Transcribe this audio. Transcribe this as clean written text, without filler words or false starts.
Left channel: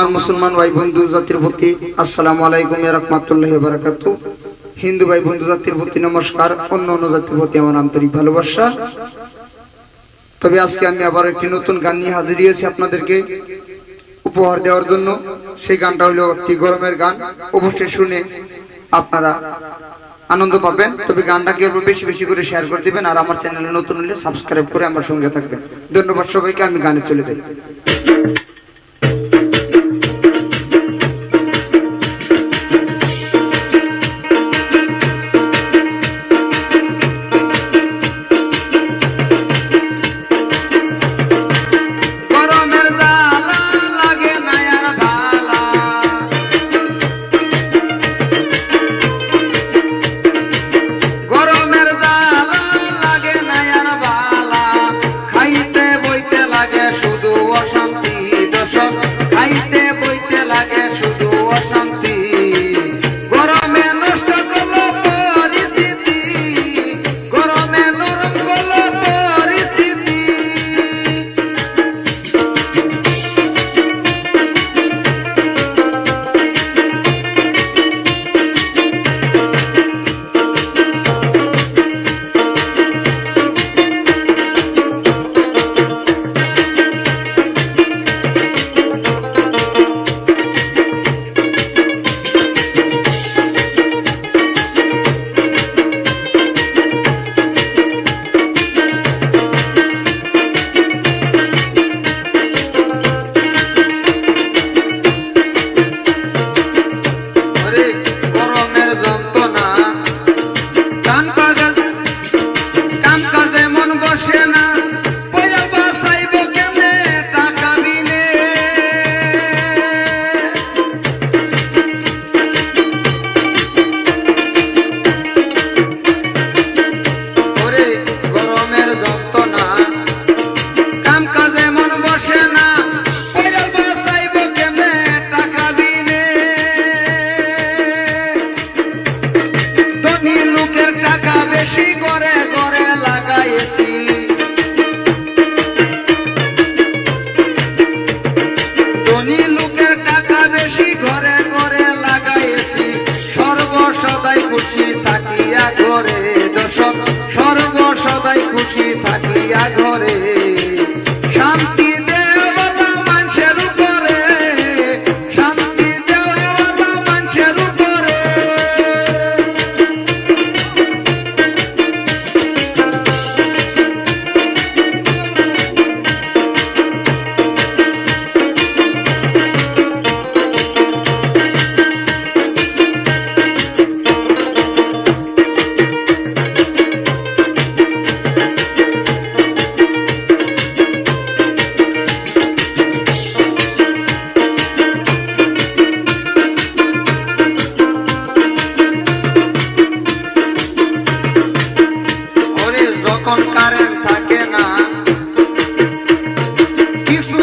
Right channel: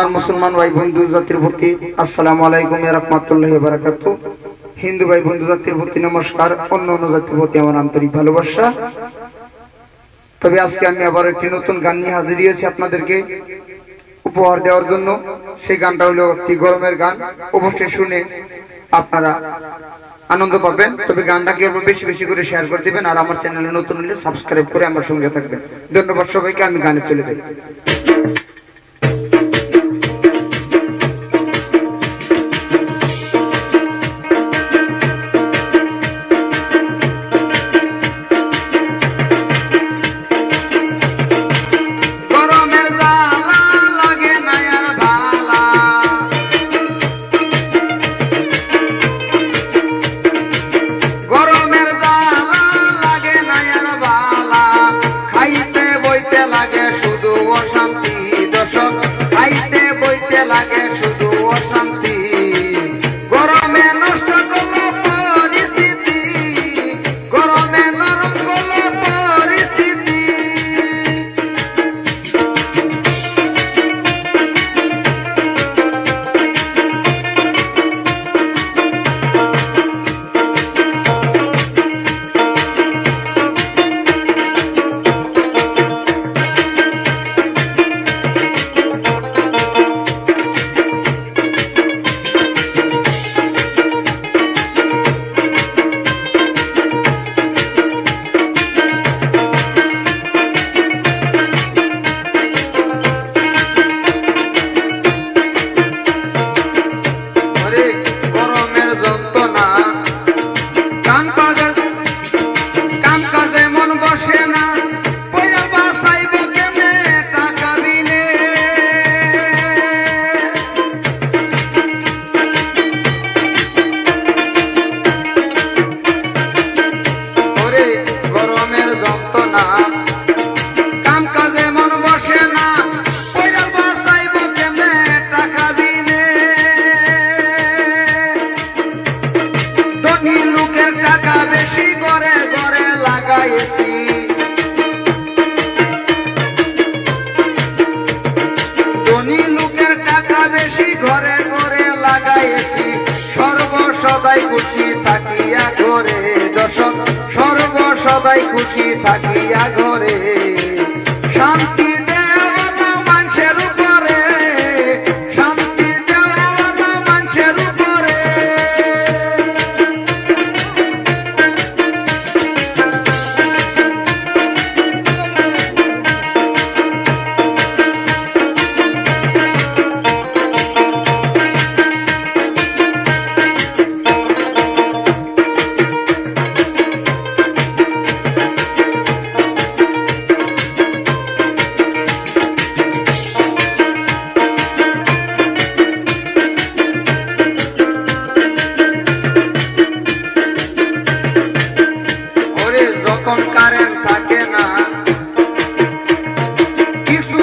আমার মুসলমান ভাই বন্ধু জাতির প্রতি আসসালামু আলাইকুম ওয়া রাহমাতুল্লাহি ওয়া বারাকাতুহু। হিন্দু ভাই বন্ধু জাতির প্রতি নমস্কার, অন্য জাতির প্রতি আমার আন্তরিক ভালোবাসা। তবে আজকে আমি আবার একটি নতুন গান নিয়ে হাজির হয়েছি আপনাদেরকে উপহার দেওয়ার জন্য। সেই গানটা হলো একটি গরমের গান, অবশ্যই শুনে আপনারা আনন্দ পাবেন। তবে গানটাকে বেশি বেশি করে শেয়ার করে দিবেন, আর আমার চ্যানেলে নতুন হলে সাবস্ক্রাইব করে আমার সঙ্গে থাকবেন। ধন্যবাদ সবাইকে। আমি গানে চলে যাই। খুশি থাকিয়া ঘরে শান্তি দেওয়ালা মানুষের উপরে, শান্তি দেওয়ালা মানুষের উপরে। যখন কারেন্ট থাকে না, কিছু